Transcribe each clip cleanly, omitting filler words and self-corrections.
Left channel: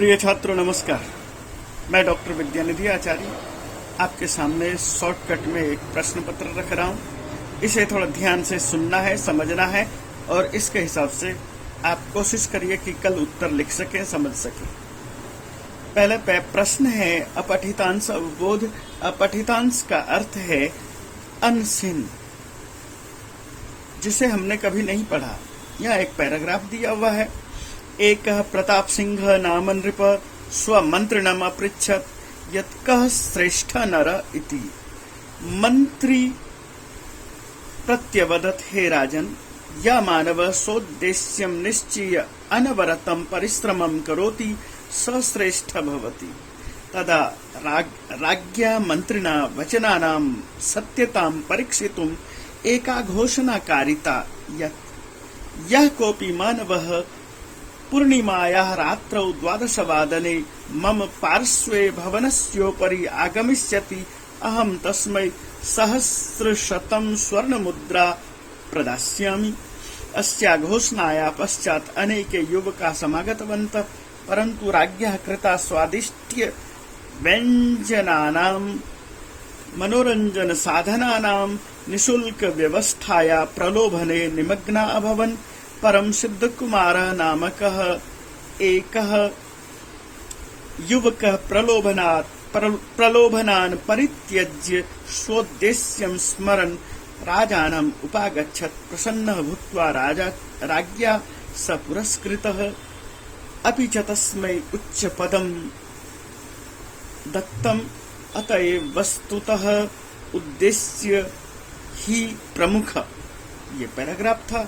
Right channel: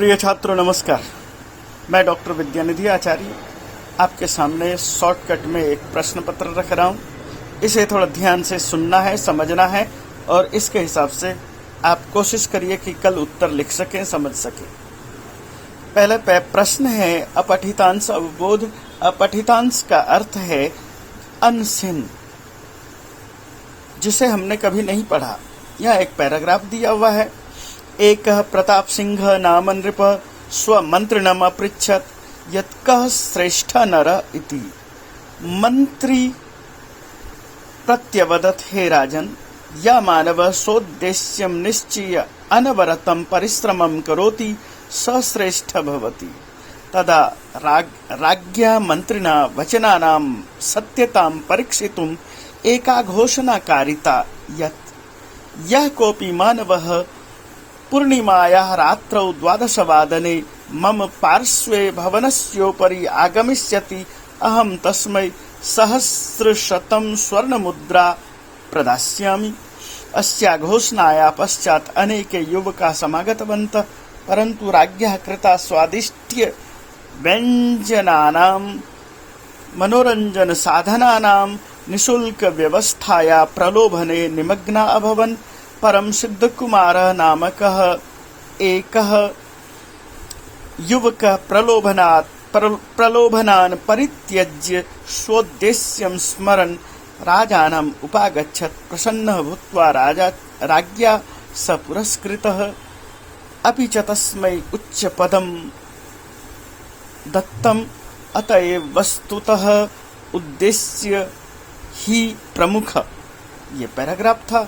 प्रिय छात्रों नमस्कार। मैं डॉक्टर विद्यानिधि आचार्य आपके सामने शॉर्टकट में एक प्रश्न पत्र रख रहा हूँ। इसे थोड़ा ध्यान से सुनना है, समझना है और इसके हिसाब से आप कोशिश करिए कि कल उत्तर लिख सकें, समझ सकें। पहले प्रश्न है अपठितांश अवबोध। अपठितांश का अर्थ है अनसिन, जिसे हमने कभी नहीं पढ़ा। यहाँ एक पैराग्राफ दिया हुआ है। एक प्रताप सिंह नाम नृप स्वमंत्रिणम अपृच्छत यत् कः श्रेष्ठ नर इति। मंत्री प्रत्यवदत् हे राजन, या मानव सोद्देश्यं निश्चय अनवरतं परिश्रमं करोति स श्रेष्ठ भवति। तदा राज्ञा मंत्रिणा वचनानां सत्यतां परीक्षितुम् एका घोषणाकारिता यत् यः कोऽपि मानवः पूर्णिमायाः रात्रौ 12वादने मम पार्श्वे भवनस्योपरि आगमिष्यति अहं तस्मै 100 स्वर्णमुद्रा प्रदास्यामि। अस्या घोषणाया पश्चात् अनेके युवकाः समागतवन्तः, परन्तु राज्ञः कृता स्वादिष्ट्य व्यञ्जनानां मनोरञ्जन साधनानां निःशुल्क व्यवस्थाया प्रलोभने निमग्ना अभवन्। परं सिद्धकुमारः नामकः एकः युवकः प्रलोभनान् परित्यज्य स्वोद्देश्यं स्मरन् राजानम् उपागच्छत्। प्रसन्नः भूत्वा राज्ञा स पुरस्कृतः, अपि च तस्मै उच्चपदं दत्तम्। अतएव वस्तुतः उद्देश्य ही प्रमुख। ये पैराग्राफ था।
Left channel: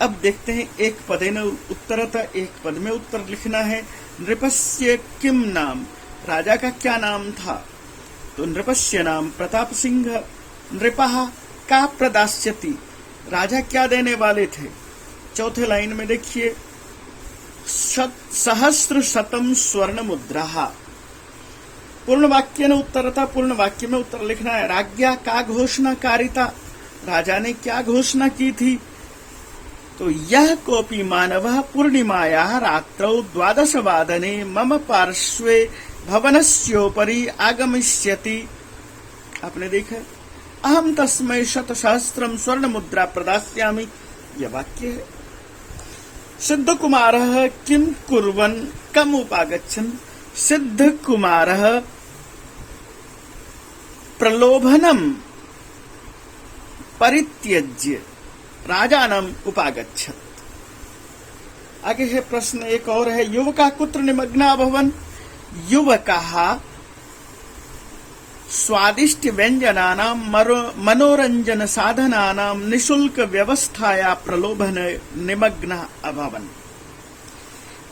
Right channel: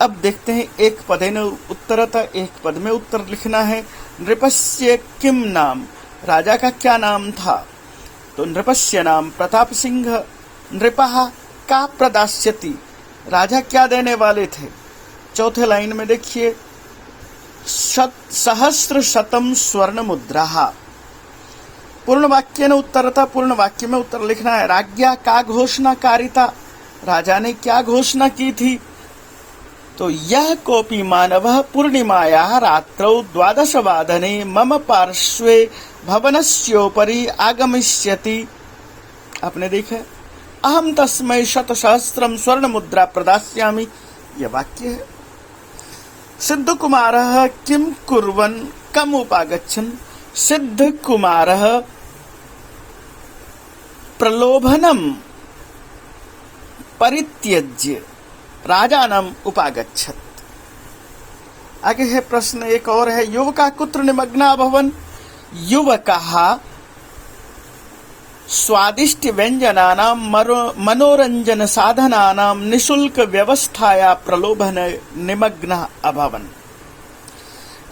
अब देखते हैं एक पदेन उत्तरत, एक पद में उत्तर लिखना है। नृपस्य किम नाम, राजा का क्या नाम था? तो नृपस्य नाम प्रताप सिंह। नृपः का प्रदास्यति, राजा क्या देने वाले थे? चौथे लाइन में देखिए 100 स्वर्ण मुद्रा। पूर्ण वाक्य ने उत्तर था, पूर्ण वाक्य में उत्तर लिखना है। राज्ञा का घोषणाकारिता, राजा ने क्या घोषणा की थी? तो यह कोऽपि मानवः पूर्णिमायाः रात्रौ 12वादने मम पार्श्वे भवनस्योपरि आगमिष्यति। आपने देखा, अहम तस्मै 100 स्वर्ण मुद्रा प्रदास्यामि। यह वाक्य है। सिद्ध कुमारः किम कुर्वन् कम उपागच्छन्। सिद्ध कुमारः प्रलोभनम परित्यज्य राजानम् उपागच्छत्। आगे है प्रश्न एक और है। युवका कुत्र निमग्ना भवन। युवकाः स्वादिष्ट व्यंजनानां मनोरंजन साधनानां निःशुल्क व्यवस्थाया प्रलोभन निमग्ना अभवन्।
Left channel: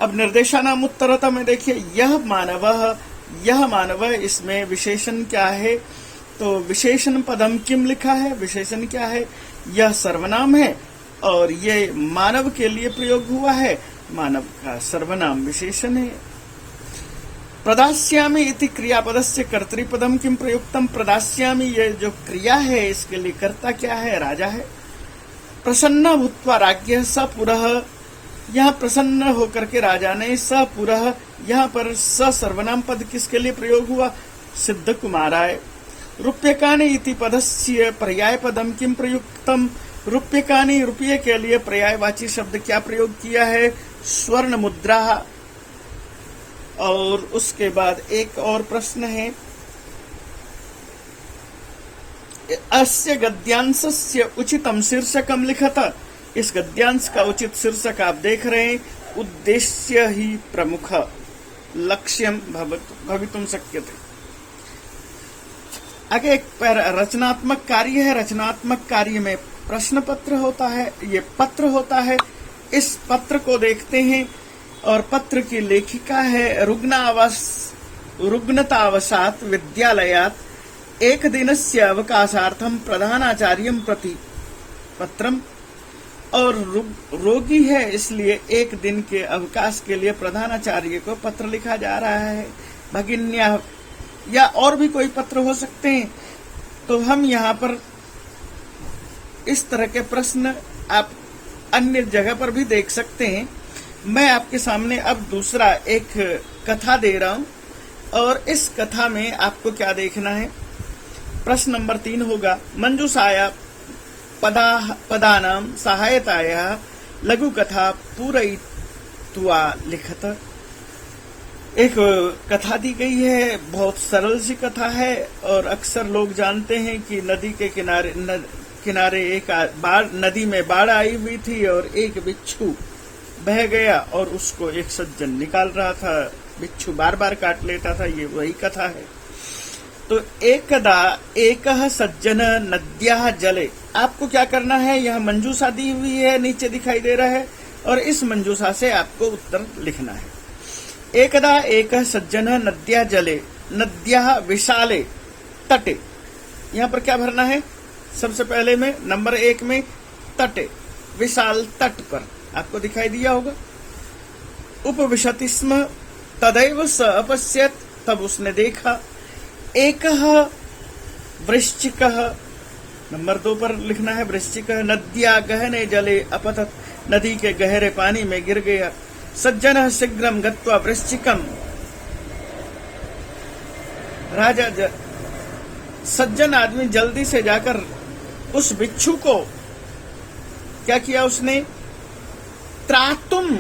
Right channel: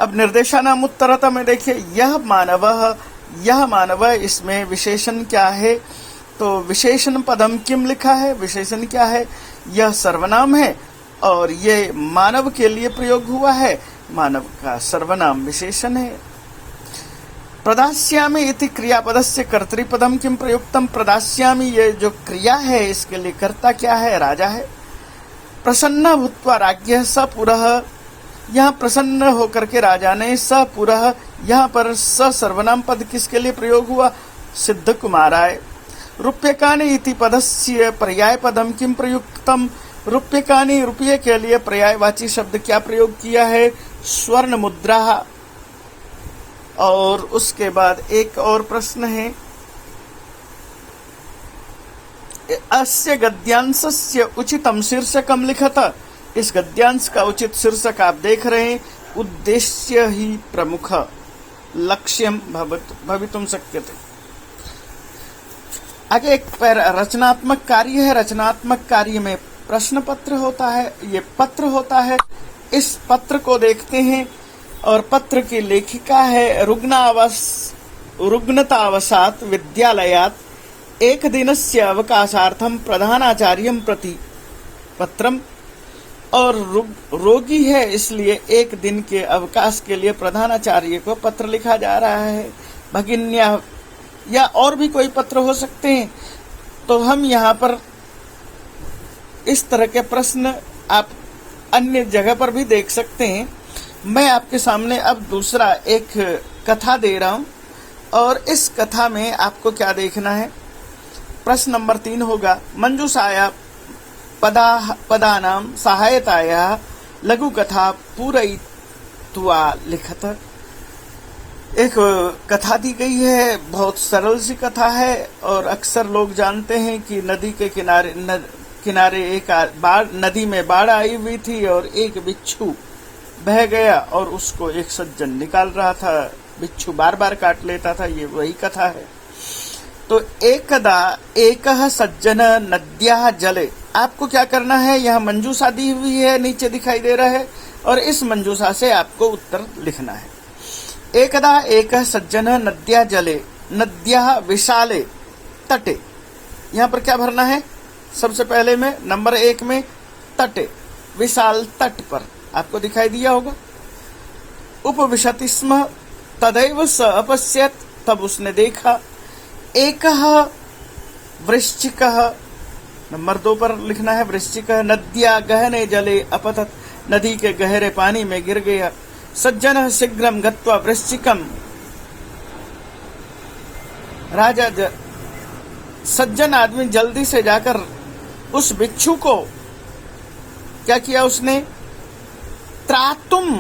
अब निर्देशानाम उत्तरता में देखिए यह मानव, इसमें विशेषण क्या है? तो विशेषण पदम किम लिखा है। विशेषण क्या है? यह सर्वनाम है और ये मानव के लिए प्रयोग हुआ है। मानव का सर्वनाम विशेषण है। प्रदास्यामि इति क्रियापदस्य कर्तृपदम किम प्रयुक्तम। प्रदास्यामि ये जो क्रिया है इसके लिए कर्ता क्या है? राजा है। प्रसन्न भूत्वा राज्ञः स पुरः, यहाँ प्रसन्न होकर के राजा ने स पुरः, यहाँ पर स सर्वनाम पद किसके लिए प्रयोग हुआ? सिद्ध कुमाराय। रूप्यकाणि इति पदस्य पर्याय पदम किम प्रयुक्तम। रूप्यकाणि रुपये के लिए पर्यायवाची शब्द क्या प्रयोग किया है? स्वर्ण मुद्रा। और उसके बाद एक और प्रश्न है। अस्य गद्यांशस्य उचितम शीर्षकम लिखत। इस गद्यांश का उचित शीर्षक आप देख रहे हैं। उद्देश्य ही प्रमुख लक्ष्यम भवितुम शक्यते। आगे एक रचनात्मक कार्य है। रचनात्मक कार्य में प्रश्न पत्र होता है, ये पत्र होता है। इस पत्र को देखते हैं और पत्र की लेखिका है रुग्णतावशात् विद्यालयात् एक दिनस्य अवकाशार्थं प्रधानाचार्यं प्रति पत्रम। और रोगी है इसलिए एक दिन के अवकाश के लिए प्रधानाचार्य को पत्र लिखा जा रहा है। भगिन्या या और भी कोई पत्र हो सकते हैं। तो हम यहाँ पर इस तरह के प्रश्न आप अन्य जगह पर भी देख सकते हैं। मैं आपके सामने अब दूसरा एक कथा दे रहा हूं और इस कथा में आपको क्या देखना है। प्रश्न नंबर 3 होगा, मंजूषाया पदानां सहायताया लघु कथा पूरयित्वा लिखत। एक कथा दी गई है, बहुत सरल सी कथा है और अक्सर लोग जानते हैं कि नदी के किनारे एक नदी में बाढ़ आई हुई थी और एक बिच्छू बह गया और उसको एक सज्जन निकाल रहा था। बिच्छू बार बार काट लेता था, ये वही कथा है। तो एकदा एकः सज्जन नद्याः जले, आपको क्या करना है, यह मंजूषा दी हुई है, नीचे दिखाई दे रहा है और इस मंजूषा से आपको उत्तर लिखना है। एकदा एकः सज्जन नद्याः जले नद्याः विशाले तटे, यहाँ पर क्या भरना है, सबसे पहले में नंबर 1 में तटे, विशाल तट पर आपको दिखाई दिया होगा। उपविशति स्म तदैव स अपश्यत्, तब उसने देखा। एकः वृश्चिकः, नंबर 2 पर लिखना है वृश्चिकः, नद्या गहने जले अपतत, नदी के गहरे पानी में गिर गया। सज्जनः शीघ्रं गत्वा वृश्चिकम्, सज्जन आदमी जल्दी से जाकर उस बिच्छू को क्या किया, उसने त्रातुम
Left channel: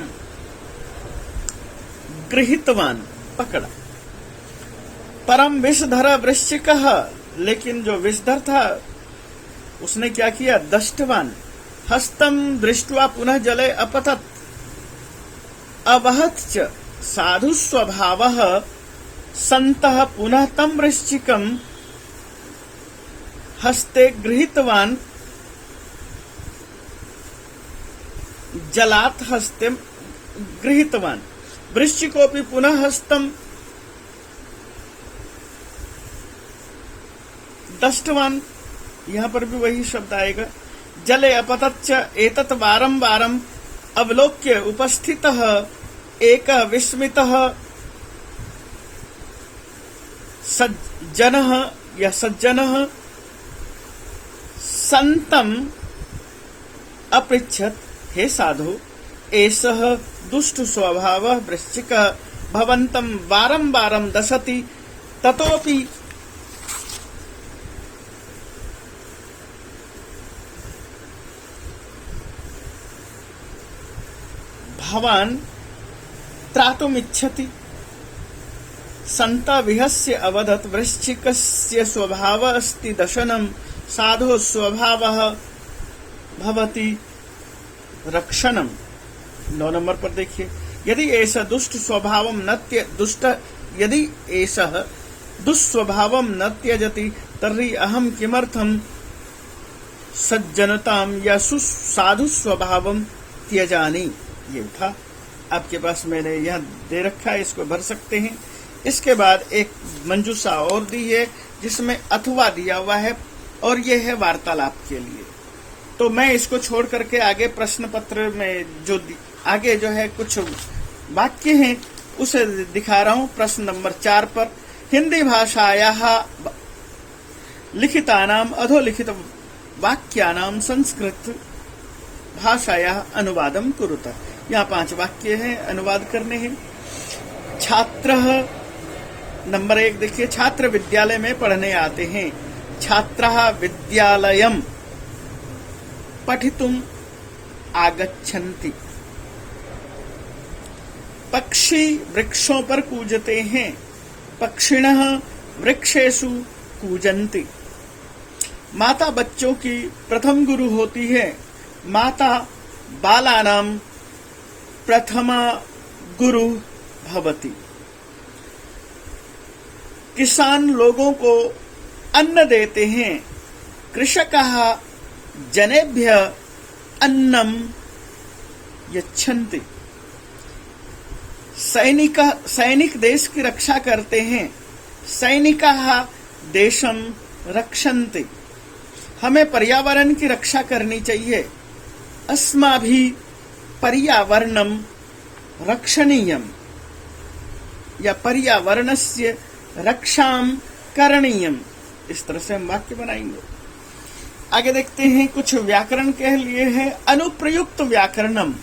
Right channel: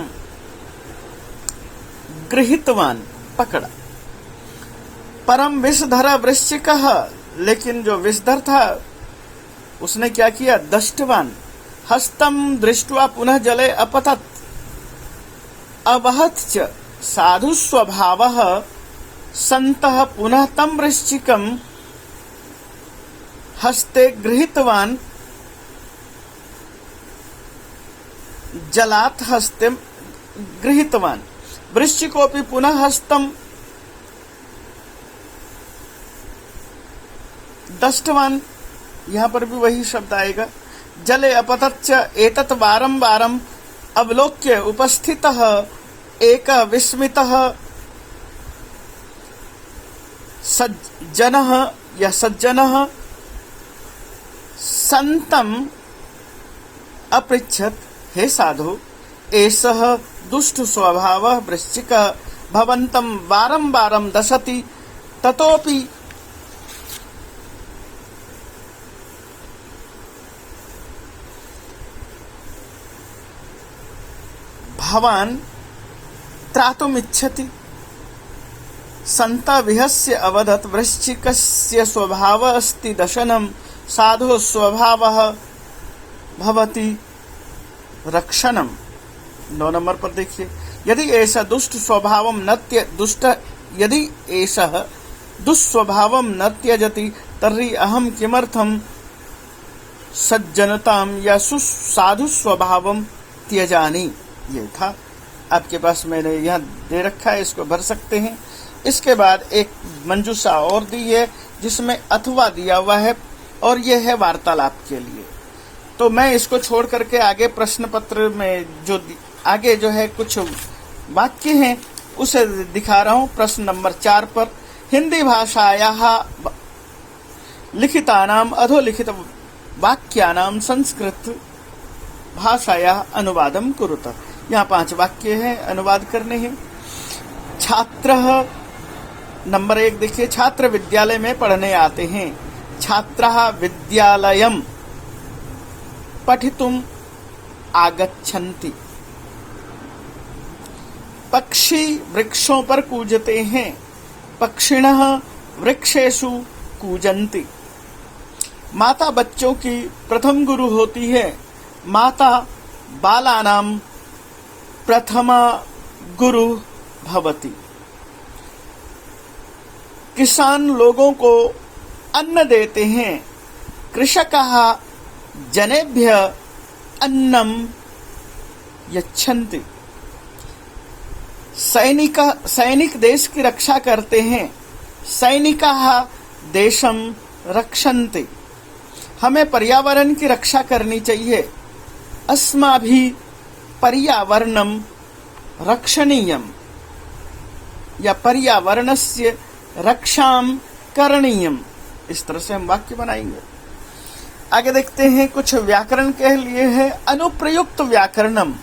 गृहीतवान, पकड़ा। परम विषधर वृश्चिकः, लेकिन जो विषधर था उसने क्या किया, दष्टवान हस्तम दृष्ट्वा पुनः जले अपतत, अवहत च साधु स्वभावः सन्तः पुनः तम वृश्चिकम् हस्ते गृहीतवान, जलात् हस्ते गृहीतवान, वृश्चिकोऽपि पुनः हस्तम दष्टवान, यहाँ पर भी वही शब्द आएगा। जले अपतच्च एतत् वारं वारं अवलोक्य उपस्थितः एकः विस्मितः सज्जनः या सज्जनः संतम अपृच्छत्, हे साधु, एषः दुष्ट स्वभावः वृश्चिकः भवन्तं वारं वारं दशति, ततोपि भवान् त्रातुमिच्छति। सन्त विहस्य अवदत्, वृश्चिकस्य स्वभावः अस्ति दशनं, साधो स्वभावः भवति रक्षणम। 9 नंबर पर देखिए, यदि ऐसा दुष्ट स्वभावम यदि ऐसा दुष्स्वभावम न त्यजति तर्हि अहम किमर्थम सज्जनताम या सुसाधु स्वभावम त्यजानी। ये था आपके पास, मैंने यहाँ दे रखा है, इसको भर सकते हैं। इसके बाद एक मंजूषा और दी है जिसमें अथवा दिया हुआ है और ये है वार्तालाप के लिए। तो मैं इसको छोड़ करके आगे प्रश्न पत्र में जो आगे जो है कुछ वाक्य हैं उसे दिखा रहा हूँ। प्रश्न नंबर 4 पर, हिंदी भाषायाः लिखितानाम अधोलिखित वाक्यानाम संस्कृत भाषायाः अनुवादम कुरुत। यहाँ 5 वाक्य हैं, अनुवाद करने हैं। छात्रः, नंबर 1 देखिए, छात्र विद्यालय में पढ़ने आते हैं। छात्राः विद्यालयम् पठितुम् आगच्छन्ति। पक्षी वृक्षों पर कूजते हैं। पक्षिणः वृक्षेषु कूजन्ति। माता बच्चों की प्रथम गुरु होती है। माता बालानां प्रथमा गुरु भवति। किसान लोगों को अन्न देते हैं। कृषकाः जनेभ्य अन्नम यच्छन्ति। सैनिक देश की रक्षा करते हैं। सैनिकाः देशम रक्षन्ति। हमें पर्यावरण की रक्षा करनी चाहिए। अस्माभिः पर्यावरणम रक्षणीयम या पर्यावरणस्य रक्षाम करणीयम। इस तरह से हम वाक्य बनाएंगे। आगे देखते हैं, कुछ व्याकरण के लिए है। अनुप्रयुक्त व्याकरणम,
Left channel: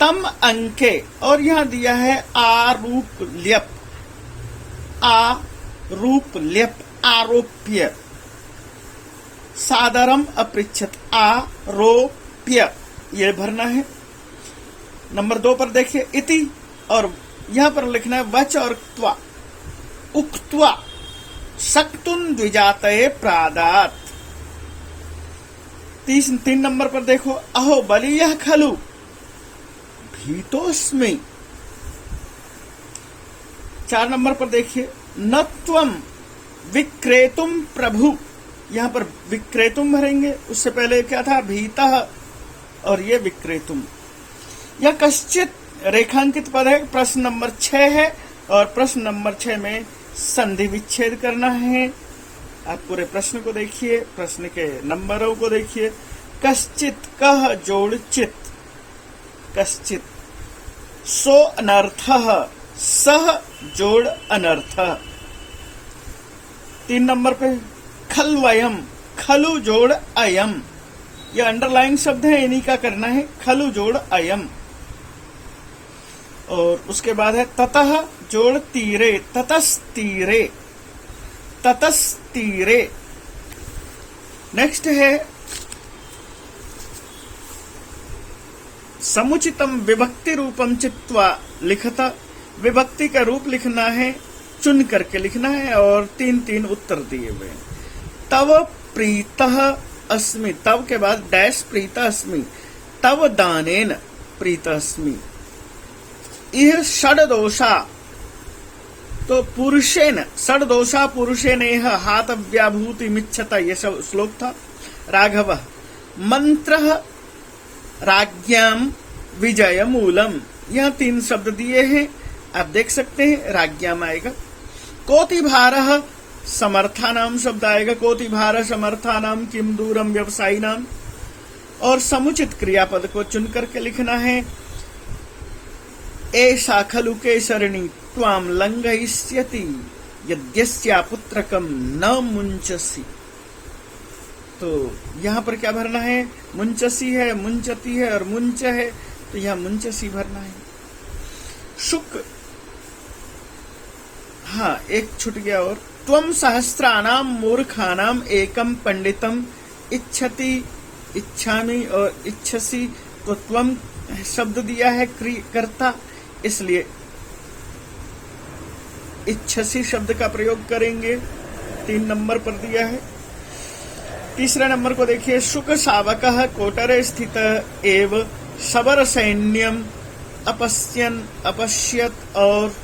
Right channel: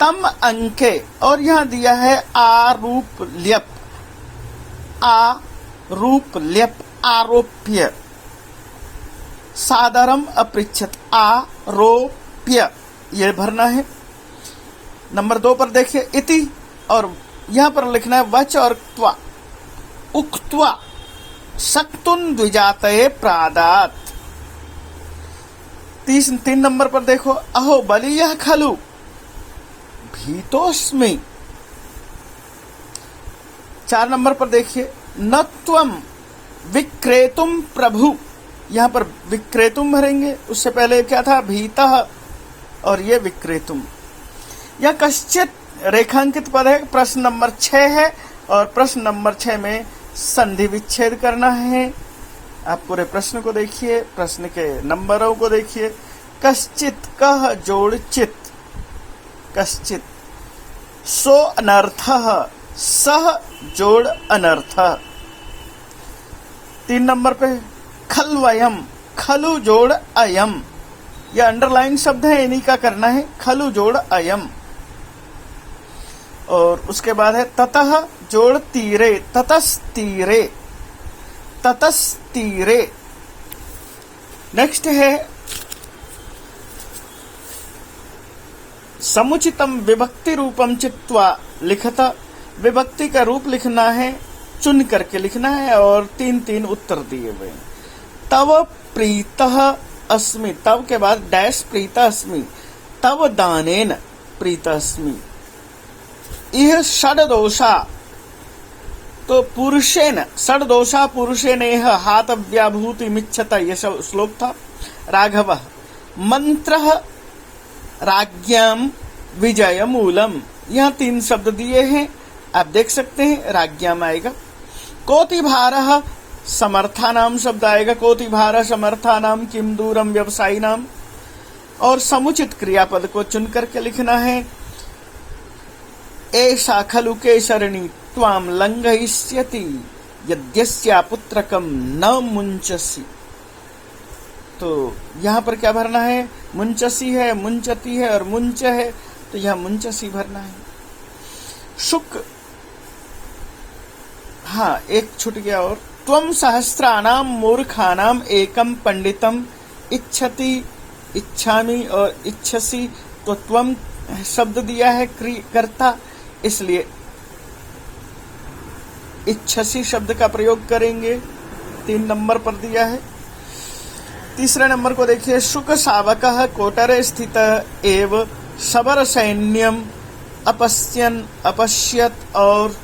तम अंके, और यहां दिया है आरूपल्यप, आरूपल्यप, आरोप्य, सादरम अपृच्छत, आरोप्य, ये भरना है। नंबर 2 पर देखिए इति, और यहां पर लिखना है वच और त्वा, उक्त्वा शक्तुन द्विजातये प्रादात। 3 नंबर पर देखो अहो बलीयः खलु भीतोस्मि। 4 नंबर पर देखिए न त्वं विक्रेतुम प्रभु, यहां पर विक्रेतुम भरेंगे, उससे पहले क्या था भीतः, और ये विक्रेतुम। यह कश्चित रेखांकित पद है, प्रश्न नंबर 6 है, और प्रश्न नंबर 6 में संधि विच्छेद करना है। आप पूरे प्रश्न को देखिए, प्रश्न के नंबरों को देखिए। कश्चित, कह जोड़ चित, कश्चित, सो अनर्थः, सह जोड़ अनर्थः। 3 नंबर पे खलवयम, खलु जोड़ अयम, यह अंडरलाइन शब्द है, इन्हीं का करना है, खलु जोड़ अयम। और उसके बाद है ततः जोड़ तीरे, ततस्तीरे, ततस्तीरे। नेक्स्ट है समुचितम विभक्ति रूपम चित्वा लिखता, विभक्ति का रूप लिखना है, चुन करके लिखना है, और 3 उत्तर दिए हुए। तव प्रीतः अस्मि, तव के बाद डैश प्रीतः अस्मि, तव दानेन प्रीतः अस्मि। यह षड्दोषा, तो पुरुषेन, षड्दोषा पुरुषेन यह हातव्याभूति मिच्छत, यह सब श्लोक था। राघव मंत्रः राज्ञाम विजय मूलम, यह 3 शब्द दिए हैं, आप देख सकते हैं, राज्ञाम आएगा। कोटिभारः समर्थानाम शब्द आएगा, कोटिभारः समर्थानाम किम दूरम व्यवसायिनाम। और समुचित क्रियापद को चुन करके लिखना है। एषा खलु केशरिणी त्वाम लंघयिष्यति यद्यस्या पुत्रकम न मुंचसी। तो यहाँ पर क्या भरना है, मुंचसी है, मुंचती है और मुंच है, तो यहाँ मुंचसी भरना है। शुक, हाँ एक छूट गया, और त्वम सहस्राणाम मूर्खानाम एकम पंडितम इच्छति, इच्छामि और इच्छसी, तो त्वम शब्द दिया है कर्ता, इसलिए इच्छसी शब्द का प्रयोग करेंगे। 3 नंबर पर दिया है। तीसरे नंबर को देखिए शुक शावकः कोटरे स्थित एव शबर सैन्यम अपश्यन, अपश्यत और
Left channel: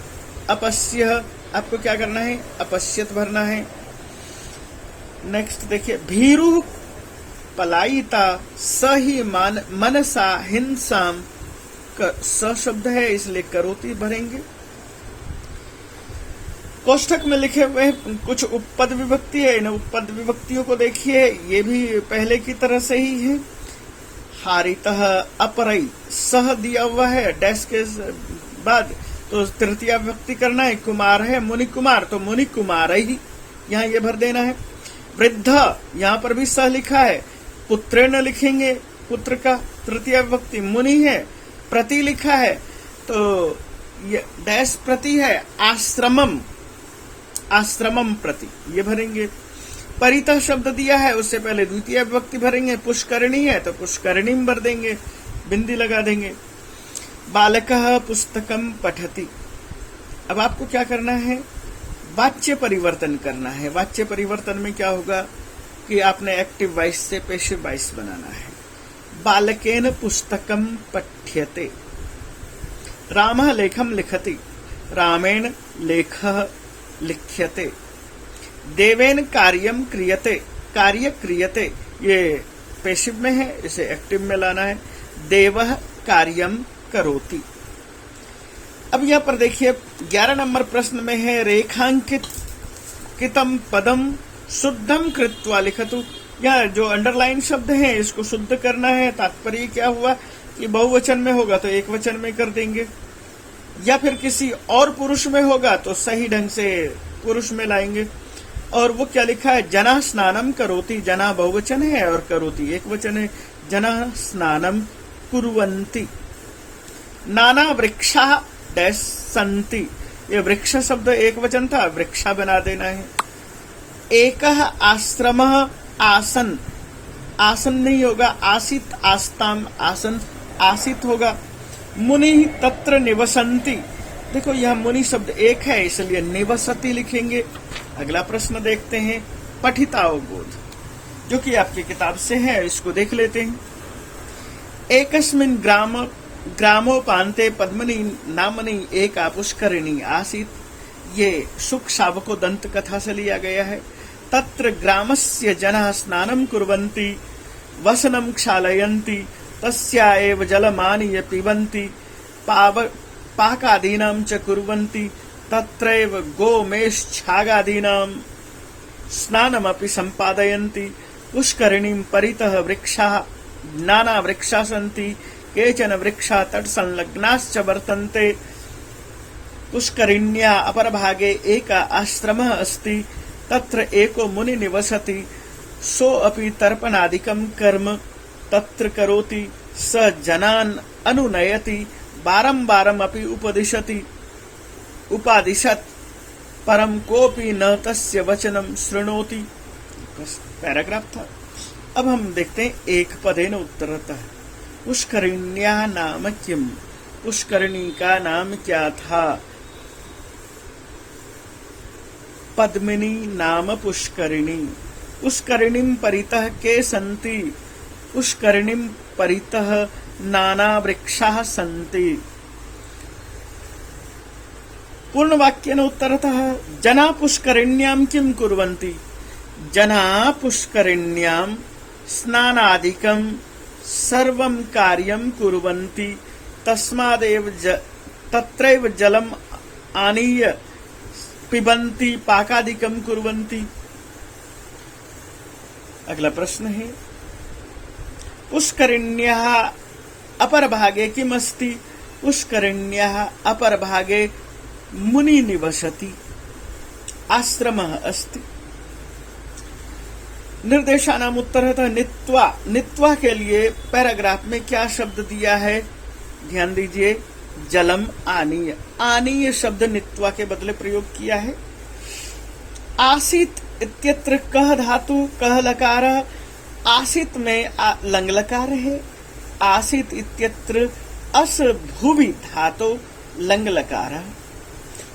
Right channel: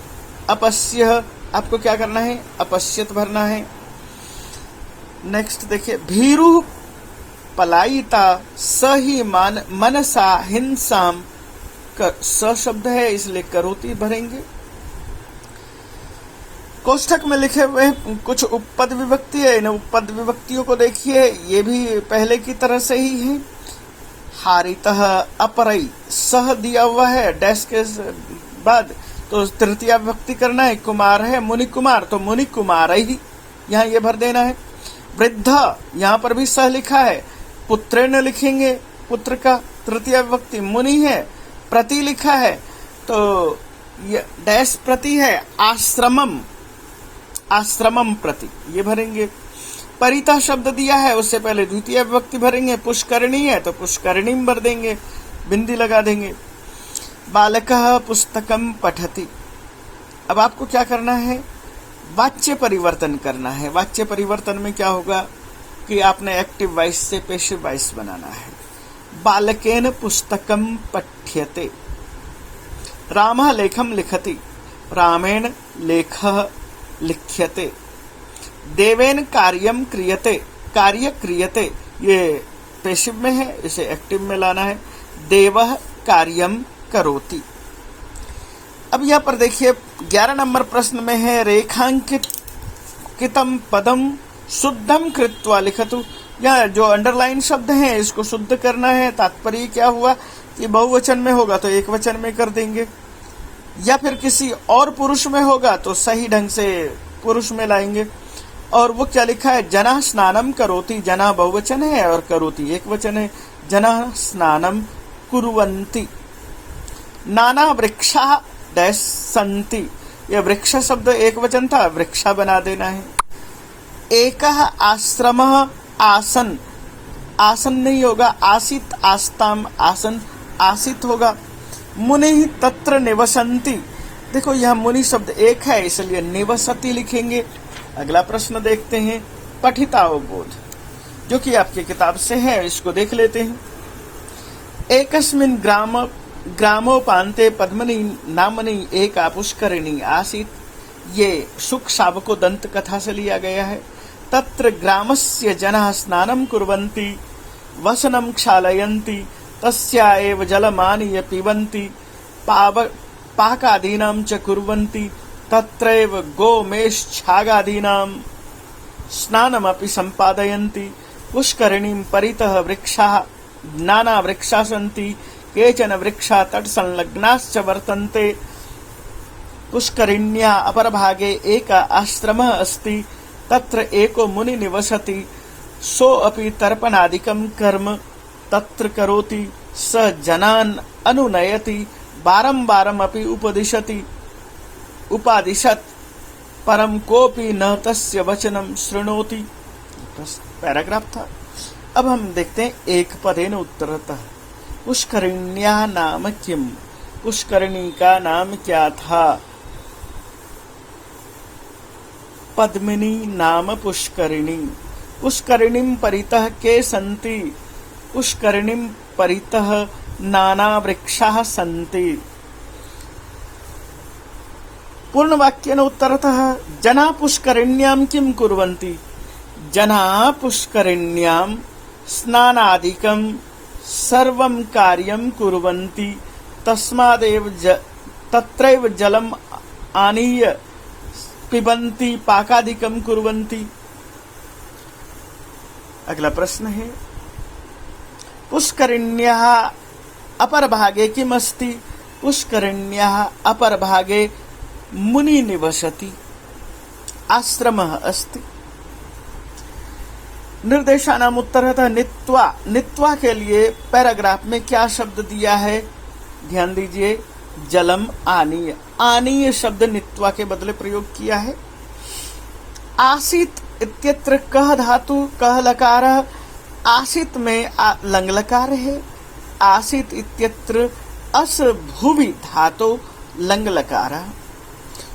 अपश्य, आपको क्या करना है, अपश्यत भरना है। नेक्स्ट देखिए भीरु पलायिता स ही मनसा हिंसाम, स शब्द है इसलिए करोति भरेंगे। कोष्ठक में लिखे हुए कुछ उपपद विभक्ति है, इन उपपद विभक्तियों को देखिए, ये भी पहले की तरह से ही है। हारितः अपरई, सह दिया हुआ है डैश के बाद, तो तृतीया विभक्ति करना है। कुमार है मुनि कुमार, तो मुनि कुमार ही यहाँ ये भर देना है। वृद्ध, यहाँ पर भी सह लिखा है, पुत्रेण लिखेंगे, पुत्र का तृतीया विभक्ति मुनि है। प्रति लिखा है तो ये डैश प्रति है, आश्रमम, आश्रमम प्रति, ये भरेंगे। परिता शब्द दिया है, उससे पहले द्वितीय विभक्ति भरेंगे। पुष्करणी है तो पुष्करणीम भर देंगे, बिंदी लगा देंगे। बालकः पुस्तकम पठति, अब आपको क्या करना है, वाच्य परिवर्तन करना है। वाच्य परिवर्तन में क्या होगा कि आपने एक्टिव वॉइस से पैसिव वॉइस बनाना है। बालकेन पुस्तकम पठ्यते, रामः लेखम लिखति, रामेण लेखः लिख्यते। देवेन कार्यम क्रियते, कार्य क्रियते, ये पैसिव में है, इसे एक्टिव में लाना है। देवः कार्यम करोति। अब यहाँ पर देखिए 11 नंबर प्रश्न में है रेखांकित कितम पदम शुद्धम कृत्वा लिखतु। यहाँ जो अंडरलाइन शब्द है इसको शुद्ध करना है। तात्पर्य क्या हुआ कि बहुवचन में होगा तो एक वचन में कर देंगे, या फिर किसी और पुरुष में होगा तो सही ढंग से पुरुष में लाएंगे। और वो क्या लिखा है, जना स्नानम करोति, जना बहुवचन है और करोति एक वचन है। जना स्नानम कुर्वन्ति, नाना वृक्षा डैश संति, ये वृक्ष शब्द एक वचन था, वृक्षा बना देना है। एक आश्रम आसन, आसन नहीं होगा, आसित आस्ताम, आसन आसित होगा। मुनि तत्र निवसंति, देखो यह मुनि शब्द एक है इसलिए निवसति लिखेंगे। अगला प्रश्न देखते हैं, पठितावबोध, जो कि आपकी किताब से है, इसको देख लेते हैं। एकस्मिन् ग्रामोपान्ते पद्मनि नामनि एका पुष्करिणी आसीत्, ये सुख शावको दंत कथा से लिया गया है। तत्र ग्रामस्य जनाः स्नानं कुर्वन्ति, वसनं क्षालयन्ति, तस्या एव जलमानीय पिबन्ति, पाकादीनां च कुर्वन्ति, तत्रैव गोमेष्छागादीनां स्नानमपि सम्पादयन्ति। पुष्करिणीं परितः वृक्षाः नाना वृक्षा सन्ति, केचन वृक्षा तटसंलग्नाश्च वर्तन्ते। पुष्करिण्याः अपरभागे एकः आश्रमः अस्ति, तत्र एको मुनि निवसति, सोऽपि तर्पणादिकं कर्म तत्र करोति, स जनान् अनुनयति, बारंबारमपि उपादिशत्, परं कोऽपि न तस्य वचनं शृणोति। पैराग्राफ था। अब हम देखते हैं एक पदेन उत्तरतः। पुष्करिण्याः नाम किम, पुष्करिणी का नाम क्या था? पद्मिनी नाम पुष्करिणी। पुष्करिणीं परितः के सन्ति, पुष्करिणीं परितः नाना वृक्षाः सन्ति। पूर्ण वाक्येन उत्तरतः, जना पुष्करिण्यां किं कुर्वन्ति? जना पुष्करिण्यां स्नानादिकं सर्वं कार्यं कुर्वन्ति, तस्मादेव तत्रैव जलम् आनीय पिबन्ति, पाकादिकं कुर्वन्ति। अगला प्रश्न है, पुष्करिण्याः अपरभागे किम् अस्ति? पुष्करिण्याः अपरभागे मुनि निवसति, आश्रमः अस्ति। निर्देशानाम उत्तरतः नित्वा, नित्वा के लिए पैराग्राफ में क्या शब्द दिया है? ध्यान दीजिए, जलम आनीय, आनीय शब्द नित्वा के बदले प्रयोग किया है। आसित इत्यत्र कह धातु, कह लकार, आसित में लंग लकार है। आसित इत्यत्र अस भुवि धातु लंग लकार।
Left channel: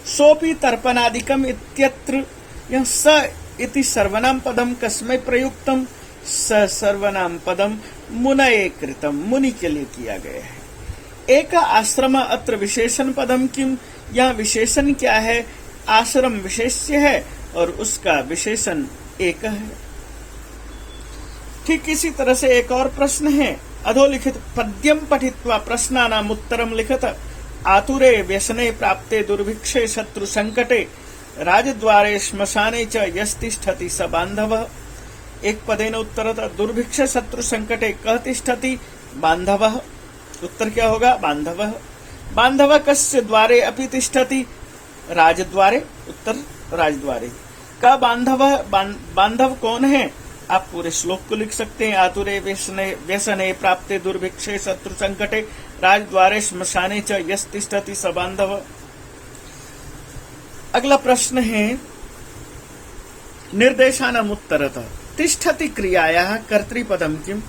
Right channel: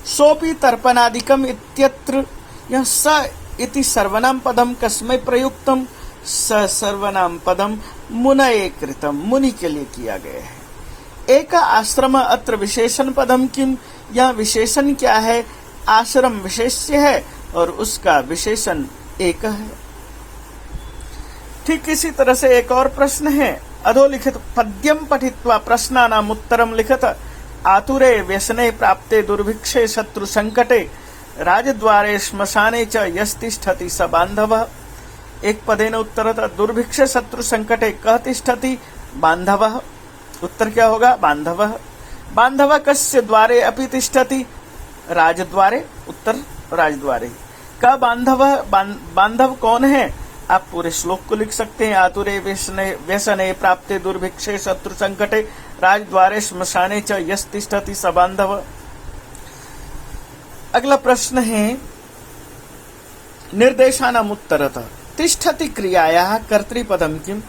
सोपि तर्पणादिकम इत्यत्र, यह स इति सर्वनाम पदम कस्मै प्रयुक्तम? स सर्वनाम पदम मुनये कृतम, मुनि के लिए किया गया है। एक आश्रम अत्र विशेषण पदम किम, यह विशेषण क्या है? आश्रम विशेष्य है और उसका विशेषण एक है। ठीक इसी तरह से एक और प्रश्न है, अधोलिखित पद्यम पठित्वा प्रश्नानाम उत्तरम लिखत, आतुरे व्यसने प्राप्ते दुर्भिक्षे शत्रु संकटे, राजद्वारे श्मशाने च यस्तिष्ठति स बांधवः। एक पदेन उत्तरतः, दुर्भिक्ष शत्रु संकटे कः तिष्ठति? बांधवः। उत्तर क्या होगा? बांधवः। बांधवः कस्य द्वारे अपि तिष्ठति? राजद्वारे। उत्तर राजद्वारे। का बांधवः, बांधव कौन है? आप पूरे श्लोक को लिख सकते हैं। आतुरे व्यसने प्राप्ते दुर्भिक्षे शत्रु संकटे, राजद्वारे श्मशाने च यस्तिष्ठति स बांधवः। अगला प्रश्न है, निर्देशानाम उत्तरतः तिष्ठति क्रियायाः कर्तृपदम किम?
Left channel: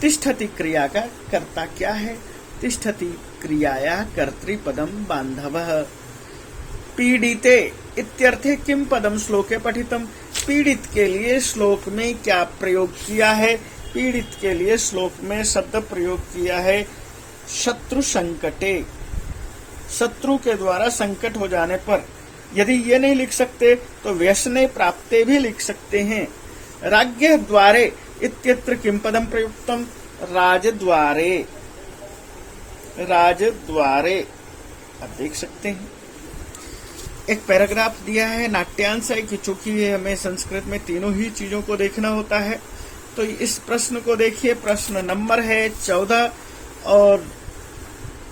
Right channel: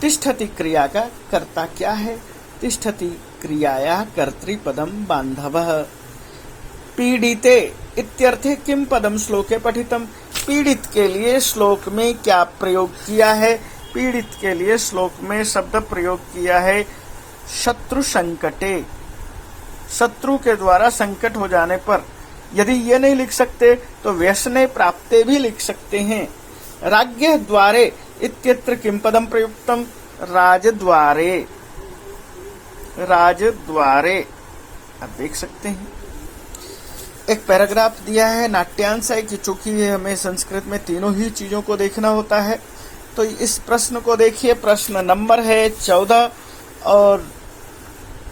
तिष्ठति क्रिया का कर्ता क्या है? तिष्ठति क्रियायाः कर्तृपदम बांधवः। पीड़िते इत्यर्थे किम पदम श्लोके पठितम? पीड़ित के लिए श्लोक में क्या प्रयोग किया है? पीड़ित के लिए श्लोक में शब्द प्रयोग किया है शत्रु संकटे। शत्रु के द्वारा संकट हो जाने पर यदि ये नहीं लिख सकते तो व्यसने प्राप्ते भी लिख सकते हैं। राज्ञः द्वारे इत्यत्र किम पदम प्रयुक्तम? राजद्वारे। राजद्वारे आप देख सकते हैं। एक पैराग्राफ दिया है नाट्यांश है कि चूंकि हमें संस्कृत में तीनों ही चीजों को देखना होता है, तो इस प्रश्न को देखिए। प्रश्न नंबर है 14 और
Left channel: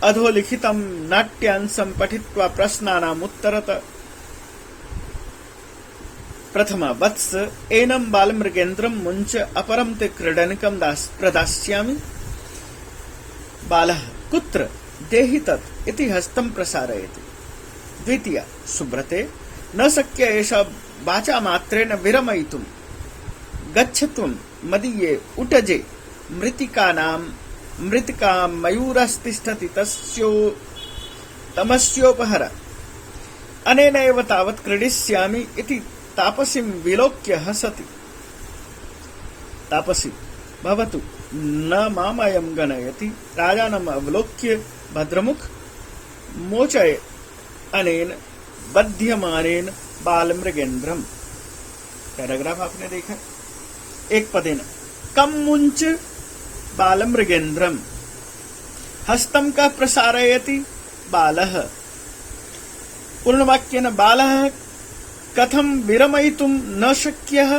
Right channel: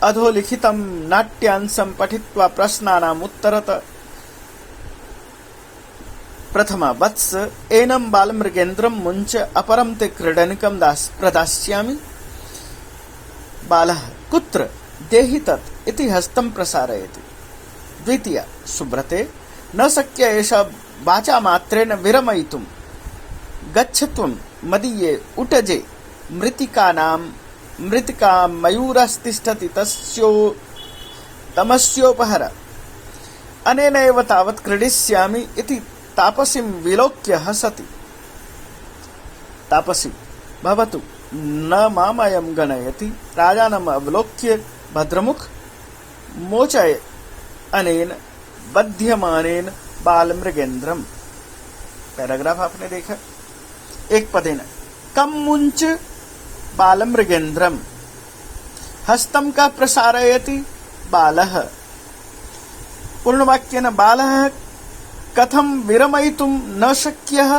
अधोलिखितम नाट्यांशम पठित्वा प्रश्नानाम उत्तरतः। प्रथमा वत्स एनम बालमृगेन्द्रम मुंच अपरम ते क्रीडनिकम प्रदास्यामि। बालः कुत्र देहि तत् इति हस्तं प्रसारयति। द्वितीया सुब्रते न शक्य एष वाचा मात्रेण विरमयितुं गच्छतुं मदीये उटजे मृतिका मयूरस्तिष्ठति तमस्योपहर अनेनैव तावत् क्रीडिष्यामि इति तापसीं विलोक्य हसति। तापसी भवतु न मामयं गणयति राजानम् अवलोक्य भद्रमुख मोचय अनेन बध्यमानेन बालमृगेन्द्रम। पैराग्राफ आपने देखा। एक पदेन कम मुंच बालमृगेन्द्रम हस्तं का प्रसारयति बालः। पूर्णवाक्येन बालः कथं विरमयितुं न शक्यः।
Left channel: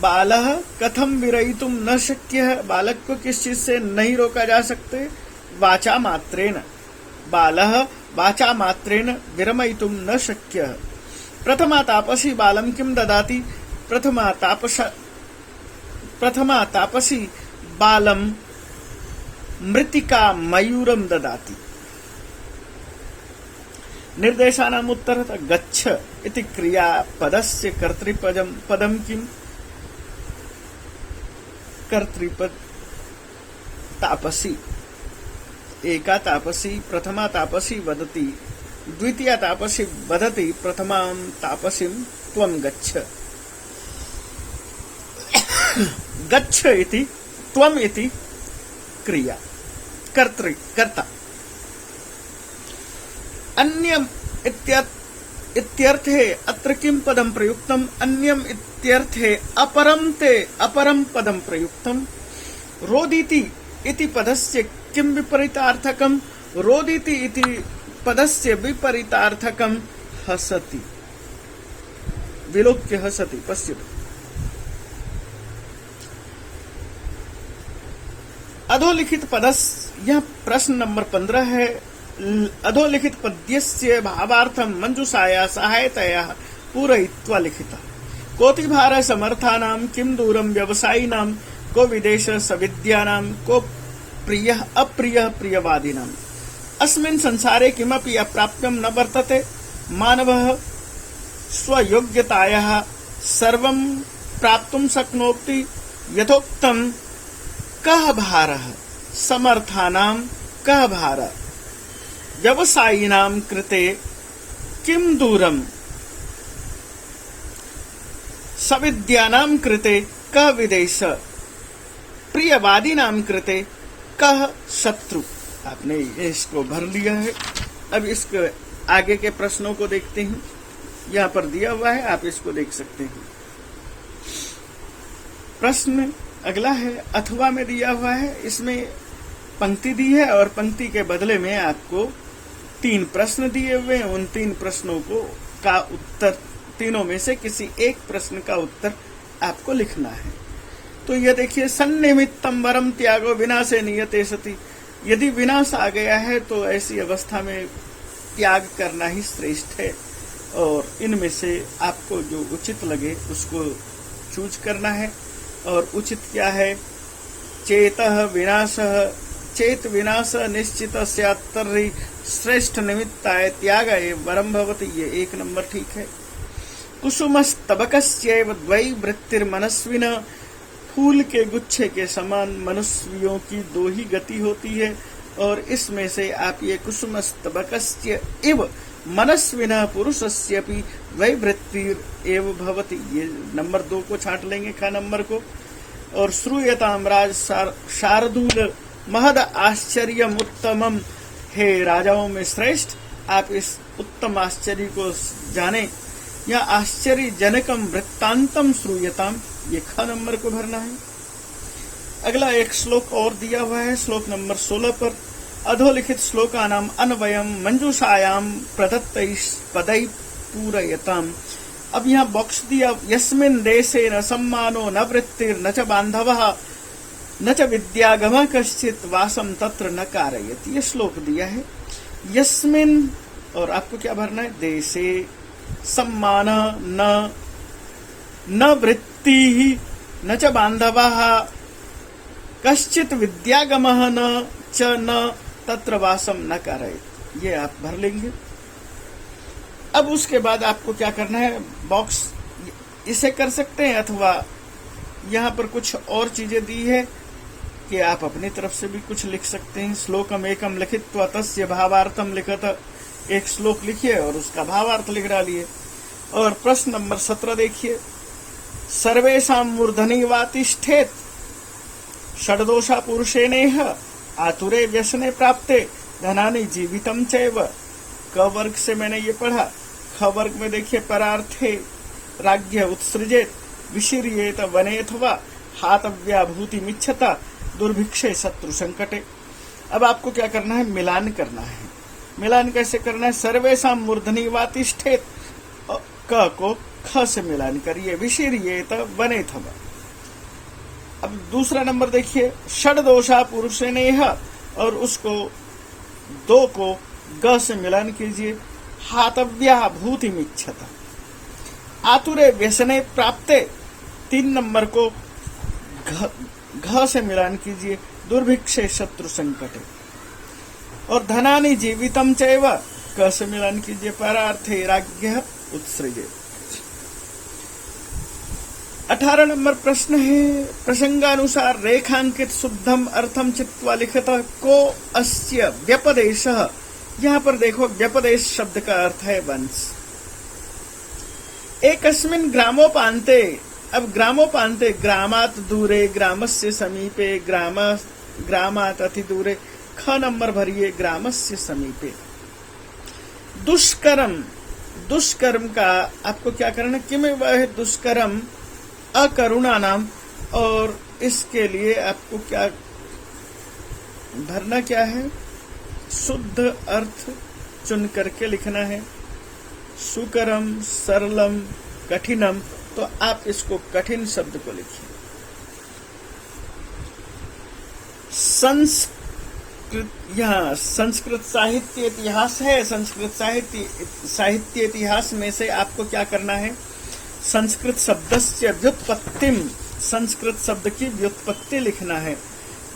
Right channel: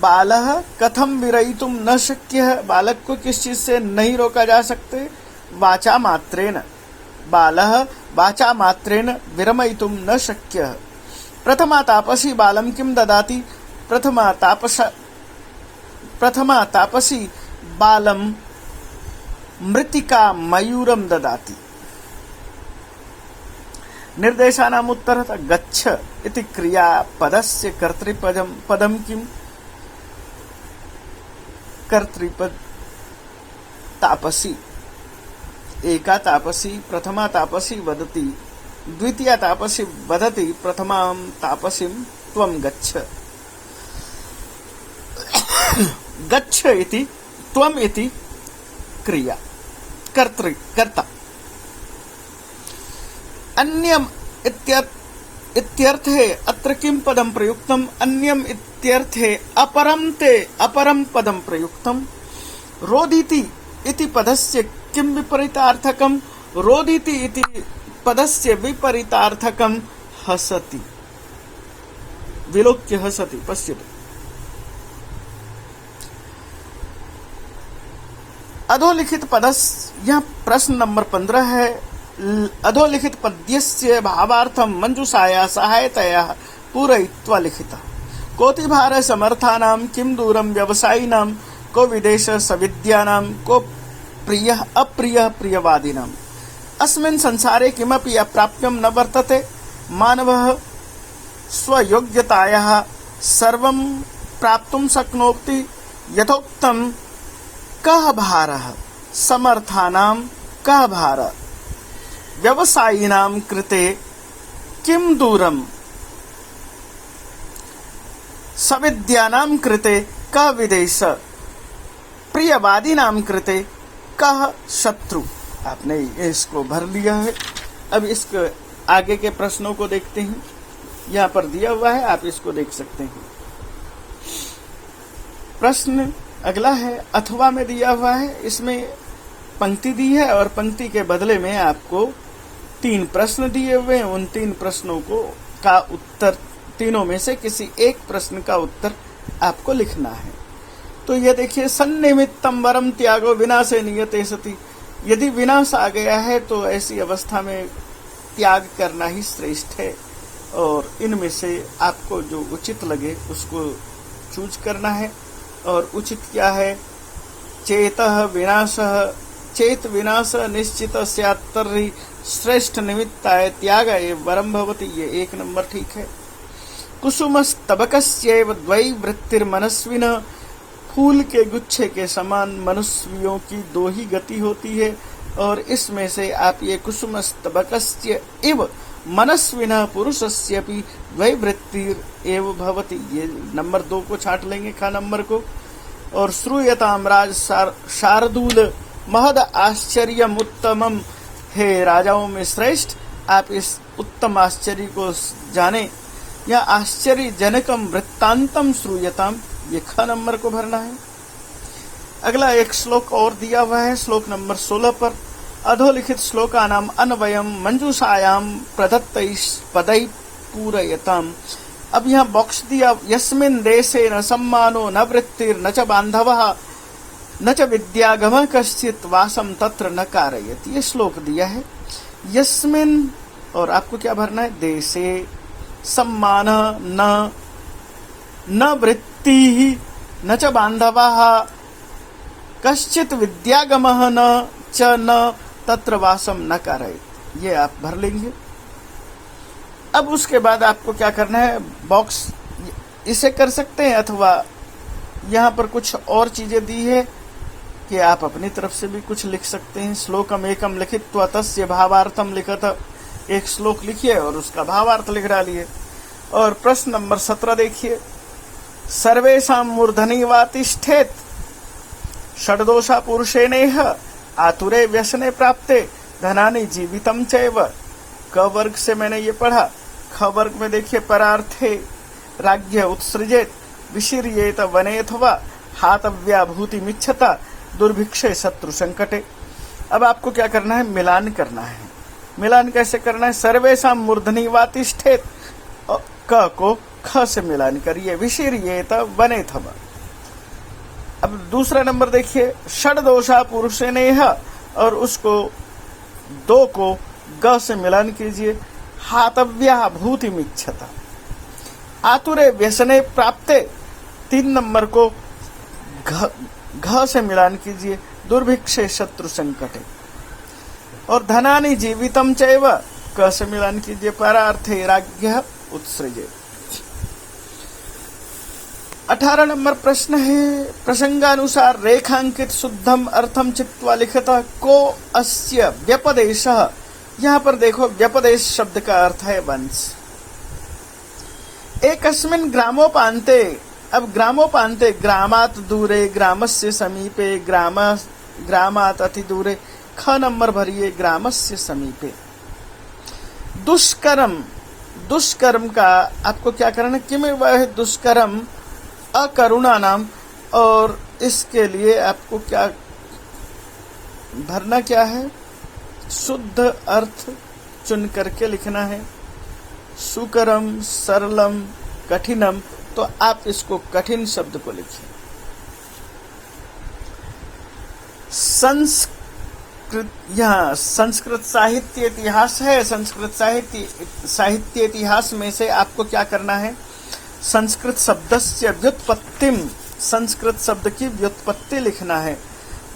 बालः कथम विरयितुं न शक्यः, बालक को किस चीज से नहीं रोका जा सकते। वाचा मात्रेण बालः वाचा मात्रेण विरमयितुं न शक्यः। प्रथमा तापसी बालं किं ददाति। प्रथमा तापसी बालं मृत्तिका मयूरं ददाति। निर्देशानाम् उत्तरतः गच्छ इति क्रियापदस्य कर्तृपदं किम्। कर्तृपद तापसी। एका तापसी प्रथमा तापसी वदति, द्वितीया तापसी वदति प्रथमां तापसीं त्वं गच्छ। गच्छ इति त्वम् इति क्रिया कर्ता। अन्यम इत्यर्थे अत्र किं पदं प्रयुक्तम्। अन्यम इत्यर्थे अपरं पदं प्रयुक्तम्। रोदिति इति पदस्य किं विपरीतार्थकम्। रोदिति इति पदस्य विपरीतार्थकम् हसति। विलोक्य हसति। पश्यतु अधोलिखित पदस्य, यह प्रश्न नंबर 15 है। अधोलिखित पद्यस्य भावार्थं मंजूषाया सहायतया पूरयित्वा लिखितः। कोतिभार समर्थानां किं दूरं व्यवसायिनां को विदेश सविद्यानां को प्रियः अप्रियः प्रियवादिनाम्। अस्मिन् संसारे किमपि अप्राप्यं न वर्तते। मानवः स्वयोग्यतायाः सर्वं प्राप्तुं शक्नोति। यथोक्तं कः भारः समर्थानां कः भारः व्यवसायिनां कृते किं दूरम् सविद्यानां कृते कः विदेश प्रियवादिनां कृते कः शत्रु। आपने इसको भर लिया है। अब इसके आगे के प्रश्नों को देखते हैं। यहाँ पर दिया हुआ है, आप इसको देख सकते हैं। प्रश्न अगला है, अथवा में दिया हुआ है। इसमें पंक्ति दी है और पंक्ति के बदले में आपको 3 प्रश्न दिए हुए हैं। उन 3 प्रश्नों का उत्तर, तीनों में से किसी एक प्रश्न का उत्तर आपको लिखना है। तो ये देखिए, सन्निमित्तम वरम त्यागो विनाशे नियते सति। यदि विनाश आ गया है तो ऐसी अवस्था में त्याग करना ही श्रेष्ठ है। और इनमें से आपको जो उचित लगे उसको चूज करना है। और उचित क्या है। चेतः विनाशः चेत विनाश निश्चित स्यात्तर्हि श्रेष्ठ निमित्ताय त्याग एव वरम भवति। ये 1 नंबर ठीक है। कुसुमस्तबकस्यैव द्वै वृत्तिर्मनस्विनः। फूल के गुच्छे के समान मनुष्यों की 2 ही गति होती है। और इसमें से आप ये कुसुमस्तबकस्य इव मनस्विनः पुरुषस्यपि द्वै वृत्तिरेव भवति, ये नंबर 2 को छांट लेंगे, खा नंबर को। और श्रूयताम राज शार्दूल महद आश्चर्यम उत्तमम। हे राजाओं में श्रेष्ठ, आप इस उत्तम आश्चर्य को जाने। या आश्चर्य जनकम वृत्तांतम श्रूयताम, ये ख नंबर को भरना है। अगला एक श्लोक और दिया हुआ है, श्लोक नंबर 16 पर। अधोलिखित श्लोकानाम अन्वयम मंजूषायाम प्रदत्तैः पदैः पूरयताम। अब यहाँ बॉक्स दिया, यस्मिन् देशे न सम्मानो न वृत्तिर् न च बांधवः न च विद्यागमः कश्चित् वासम तत्र न कारयति। ये श्लोक दिया है। यस्मिन्, और आपको क्या भरना है, देशे सम्मान न वृत्तिः न च बांधवः कश्चित विद्यागमः न च न तत्र वासम न कारयेत्। ये आप भर लेंगे। अब उसके बाद आपको क्या करना है, बॉक्स इसे कर सकते हैं अथवा यहाँ पर कुछ और चीजें दी है कि आप अपनी तरफ से भी कुछ लिख सकते हैं। श्लोकम एकम लिखित्वा तस्य भावार्थम लिखत, एक श्लोक लिखिए और उसका भावार्थ लिख डालिए। और प्रश्न नंबर 17 देखिए, सर्वेषां मूर्धनि वा तिष्ठेत् षड्दोषा पुरुषेणेह आतुरे व्यसने प्राप्ते धनानि जीवितम चैव। क वर्ग से मैंने ये पढ़ा। ख वर्ग में देखिए, परार्थे राज्ञ उत्सृजेत विशीर्येत वनेथवा हातव्या भूतिमिच्छता दुर्भिक्षे शत्रु संकटे। अब आपको क्या करना है, मिलान करना है। मिलान कैसे करना है, सर्वेषां मूर्धनि वा तिष्ठेत्, क को ख से मिलान करिए, विशीर्येत वनेथवा। अब दूसरा नंबर देखिए, षड्दोषा पुरुषेणेह, और उसको 2 को ग से मिलान कीजिए, हातव्या भूतिमिच्छता। आतुरे व्यसने प्राप्ते, 3 नंबर को घ से मिलान कीजिए, दुर्भिक्षे शत्रु संकटे। और धनानि जीवितम चैव, क से मिलान कीजिए, परार्थे राज्ञः उत्सृजे। 18 नंबर प्रश्न है, प्रसंगानुसार रेखांकित शुद्धम अर्थम चित्वा लिखत को अस्य व्यपदेशः। यहाँ पर देखो, व्यपदेश शब्द का अर्थ है वंश। एकस्मिन् ग्रामोपान्ते, अब ग्रामोपान्ते ग्रामात् दूरे, ग्रामस्य समीपे, ग्रामात् अति दूरे। ख नंबर भरिए, ग्रामस्य समीपे। दुष्कर्म, दुष्कर्म का आपको क्या करना, किम वह दुष्कर्म अकरुणा नाम, और इसके लिए आपको क्या भरना, क्या है, शुद्ध अर्थ चुन करके लिखना है। सुकरम, सरलम, कठिनम, तो आप इसको कठिन शब्द को लिखिए। संस्कृत, यहाँ संस्कृत साहित्य इतिहास है। संस्कृत साहित्य इतिहास में से आपको क्या करना है, संस्कृत शब्दस्य व्युत्पत्तिम, संस्कृत शब्द की व्युत्पत्ति लिखना है।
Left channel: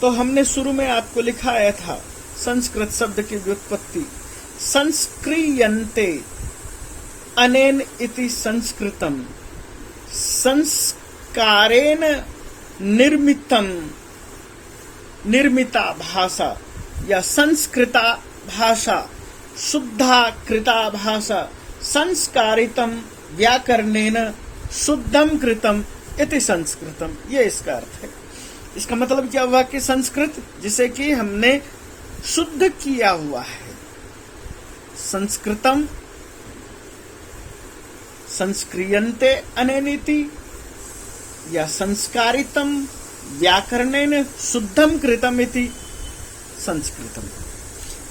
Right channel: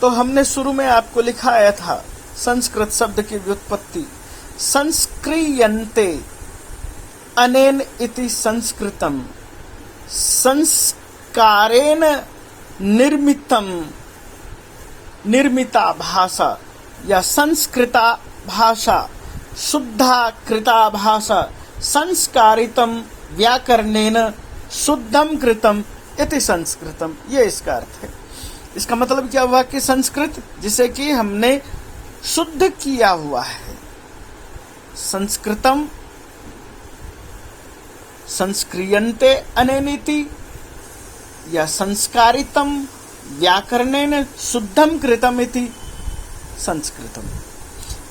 तो हमने शुरू में आपको लिखाया था संस्कृत शब्द की व्युत्पत्ति, संस्क्रियन्ते अनेन इति संस्कृतम, संस्कारेण निर्मितम, निर्मिता भाषा या संस्कृता भाषा, शुद्धा कृता भाषा, संस्कारितम व्याकरणेन शुद्धम कृतम इति संस्कृतम। ये इसका अर्थ है। इसका मतलब क्या हुआ कि संस्कृत जिसे कि हमने शुद्ध किया हुआ है, संस्कृतम संस्क्रियन्ते अनेनिति, या संस्कारितम व्याकरणेन शुद्धम कृतम इति संस्कृतम।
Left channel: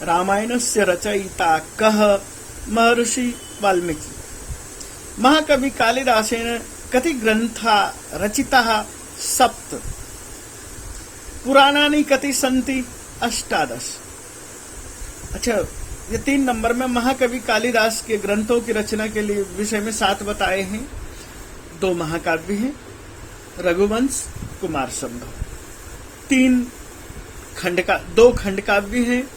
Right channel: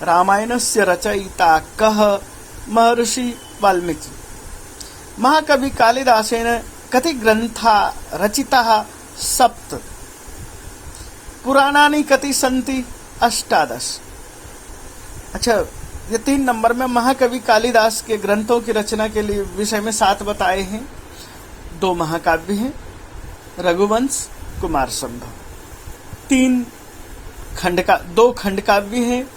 रामायणस्य रचयिता कः, महर्षि वाल्मीकि। महाकवि कालिदासेन कति ग्रंथा रचिताः, 7। पुराणानि कति सन्ति, 18। अच्छा, ये 3 नंबर में महाकवि कालिदास के ग्रंथों की रचना के लिए विषय में 7 बताए हैं। 2 महाकाव्य हैं, रघुवंश, कुमार संभव। 2 खंड काव्य हैं,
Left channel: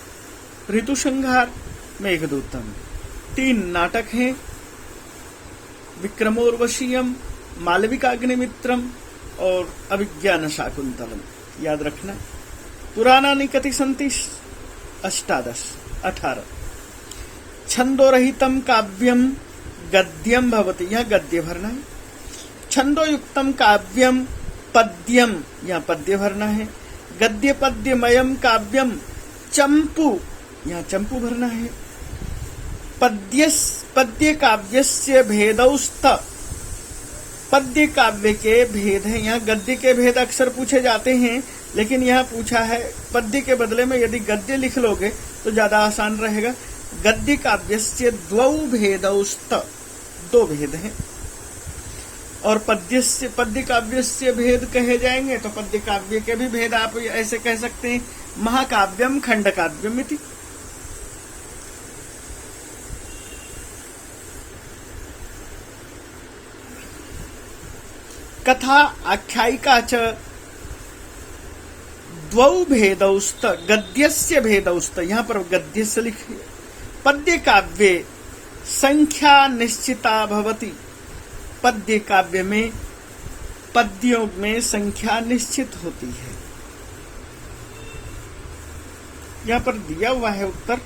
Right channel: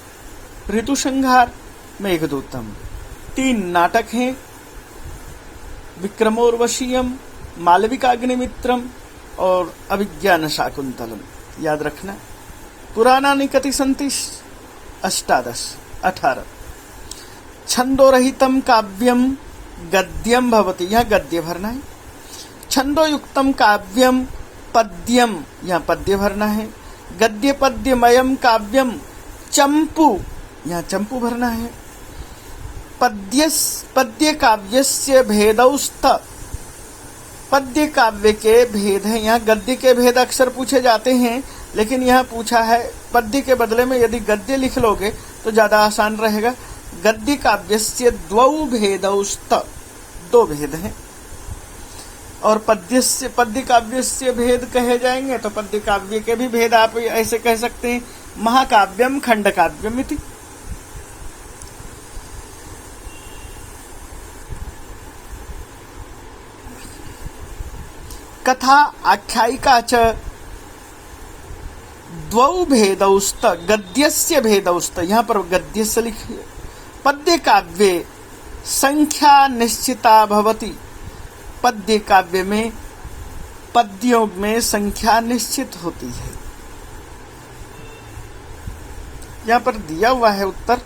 ऋतु संहार, मेघदूतम। 3 नाटक हैं, विक्रमोर्वशीयम, मालविकाग्निमित्रम और अभिज्ञान शाकुंतलम। याद रखना। पुराणानि कति सन्ति, 18। छंदोरहितम काव्यम गद्यम भवति, यहाँ गद्य भरना है। छंदोयुक्तम काव्यम पद्यम, यहाँ पद्य भरना है। गद्य पद्यमयम काव्यम चंपू, यहाँ चंपू भरना है। पद्य काव्यस्य भेदौस्त, पद्य काव्य के भेद हैं। यहाँ गद्य के भेद अक्सर पूछे जाते हैं, लेकिन यहाँ पूछा है पद्य के बदले में यदि गद्य लिख लोगे तो ज्यादा आसान रहेगा। गद्य काव्यस्य 2 भेदौस्त, 2 भेद हैं। और पद्य काव्यस्य भेद कहे जाएंगे तो पद्य काव्य के भी भेद आप ऐसे कह सकते हैं, महाकाव्यम खंड काव्यम इति। कथा आख्यायिका च द्वौ भेदौस्त, गद्यस्य भेदौस्त, यहाँ पर गद्य से लिखिए। पद्य काव्ये संख्या निश्चिता भवति, पद्य काव्य में पद्यों में संख्या निश्चित होती है। यहाँ पर दिया हुआ है उत्तर,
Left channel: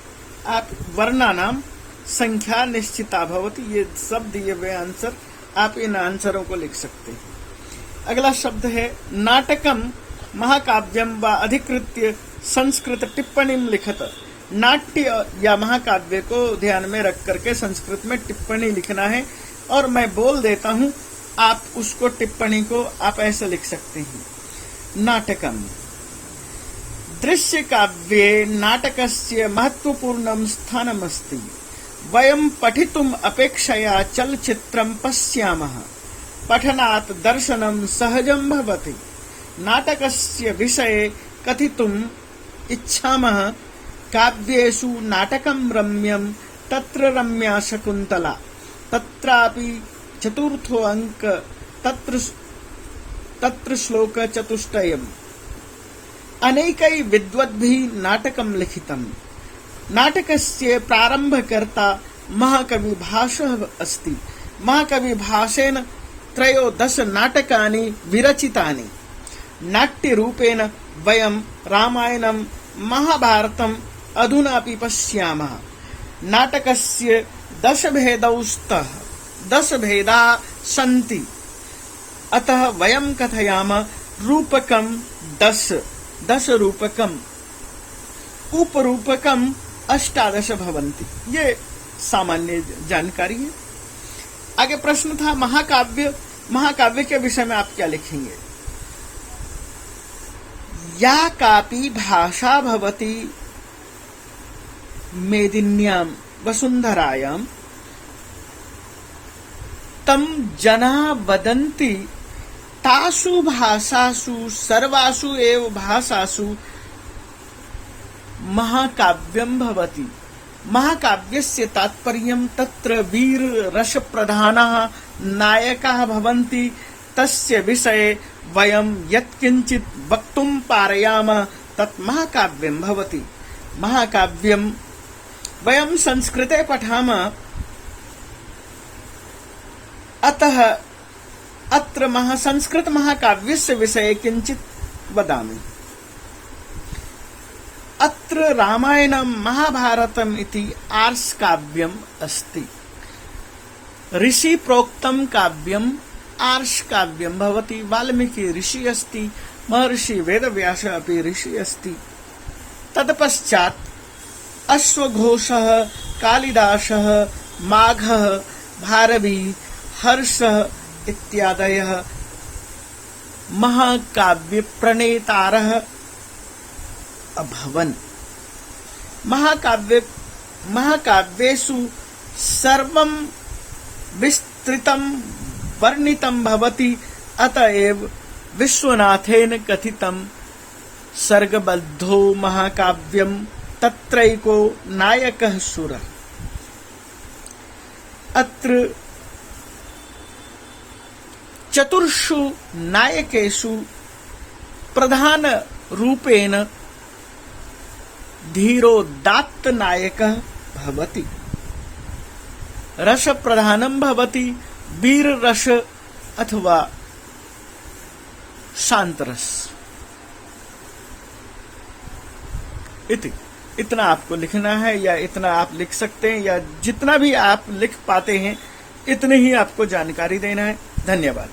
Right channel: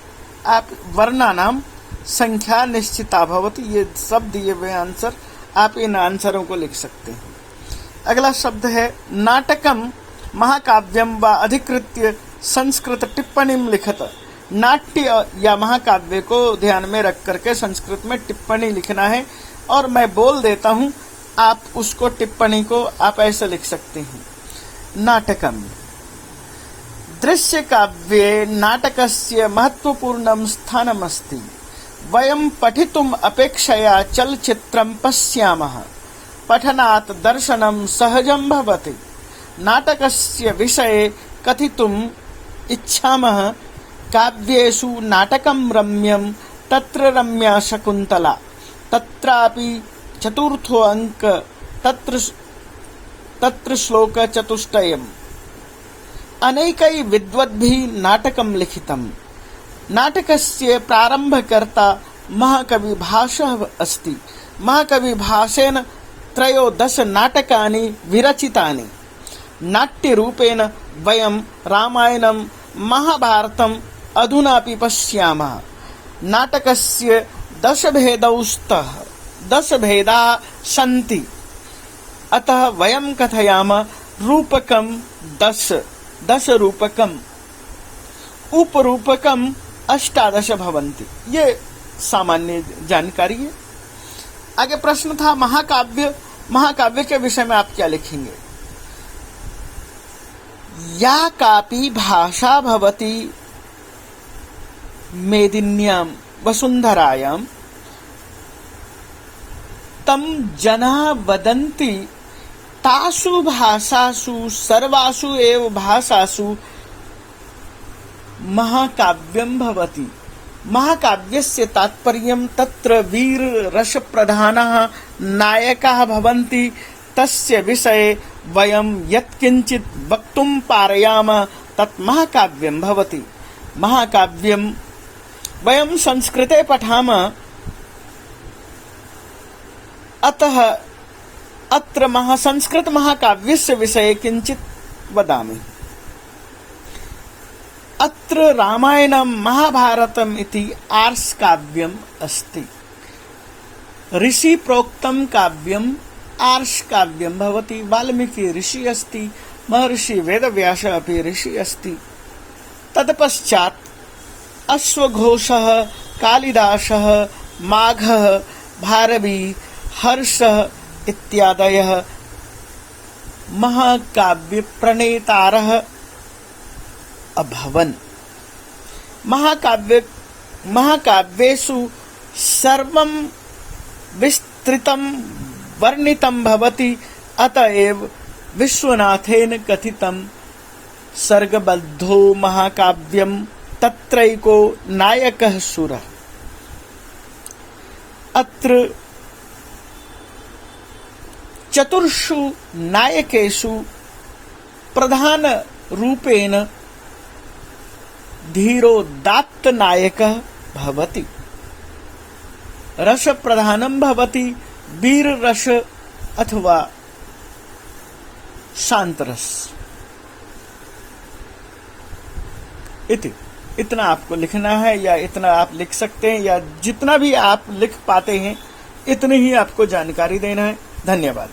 आप वर्णानाम संख्या निश्चिता भवति, ये सब दिए हुए आंसर, आप इन आंसरों को लिख सकते हैं। अगला शब्द है नाटकम महाकाव्यम व अधिकृत्य संस्कृत टिप्पणीम लिखत। नाट्य या महाकाव्य को ध्यान में रख करके संस्कृत में टिप्पणी लिखना है, और मैं बोल देता हूं, आप उसको टिप्पणी को आप ऐसे लिख सकते हैं। नाटकम, दृश्य काव्ये नाटकस्य महत्वपूर्णं स्थानमस्ति। वयं पठितुम् अपेक्षया चलचित्रं पश्यामः, पठनात् दर्शनं सहजं भवति। नाटकस्य विषये कथितुम् इच्छामः। काव्येषु नाटकं रम्यं, तत्र रम्या शकुन्तला, तत्रापि चतुर्थो अंक, तत्र श्लोक चतुष्टयम्। अनेकै विद्वद्भिः नाटकं लिखितम्। नाटकस्य प्रारम्भकर्ता महाकवि भासः अस्ति। महाकवि भासेन 13 नाटकानि विरचितानि। नाट्यरूपेण वयं रामायणं महाभारतम् अधुनापि पश्यामः। नाटकस्य 10 भेदौस्तः, 10 भेदाः सन्ति, अतः वयं कथयामः रूपकं 10 रूपकम्, उपरूपकम् 18 भवन्ति। ये सामान्य जानकारी है। आगे प्रश्न था महाकाव्य, महाकाव्य के विषय में आप क्या लिखेंगे? या कापि भाषा भवति मेदिन्यां वसुंधरायां, तं जनाः वदन्ति, तासु भाषासु सर्वासु एव भाषासु महाकाव्यं भवति। महाकाव्यस्य तात्पर्यं तत्र वीर रस प्रधानः नायकाः भवन्ति। तस्य विषये वयं यत्किंचित् वक्तुं पारयामः तत् महाकाव्यं भवति। महाकाव्यं वयं संस्कृते पठामः, अतः अत्र संस्कृत महाकाव्यस्य विषये किंचित् वदामि। अत्र रामायणं महाभारतम् इति आर्ष काव्यम् अस्ति। ऋषि प्रोक्तं काव्यम् आर्ष काव्यं भवति। वाल्मीकि ऋषि अस्ति, महर्षि वेदव्यास अपि ऋषि अस्ति। तत्पश्चात् अश्वघोषः, कालिदासः, माघः, भारवी, हर्षः इत्यादयः महाकाव्य प्रणेतारः अभवन्। महाकाव्येषु सर्वं विस्तृतं वर्णितं भवति। अतएव विश्वनाथेन कथितं सर्गबद्धो महाकाव्यं तत्रैको नायकः सुरः। अत्र चतुर्षु नायकेषु प्रधान रूपेण धीरोदात्त नायकः भवति। रस प्रधानं भवति, वीर रस अथवा शांत रस। इतना आपको लिखना है, या इतना आप लिख सकते हैं, या जितना भी आप लिख पाते हैं इतने ही आपको जानकारी देना है। धन्यवाद।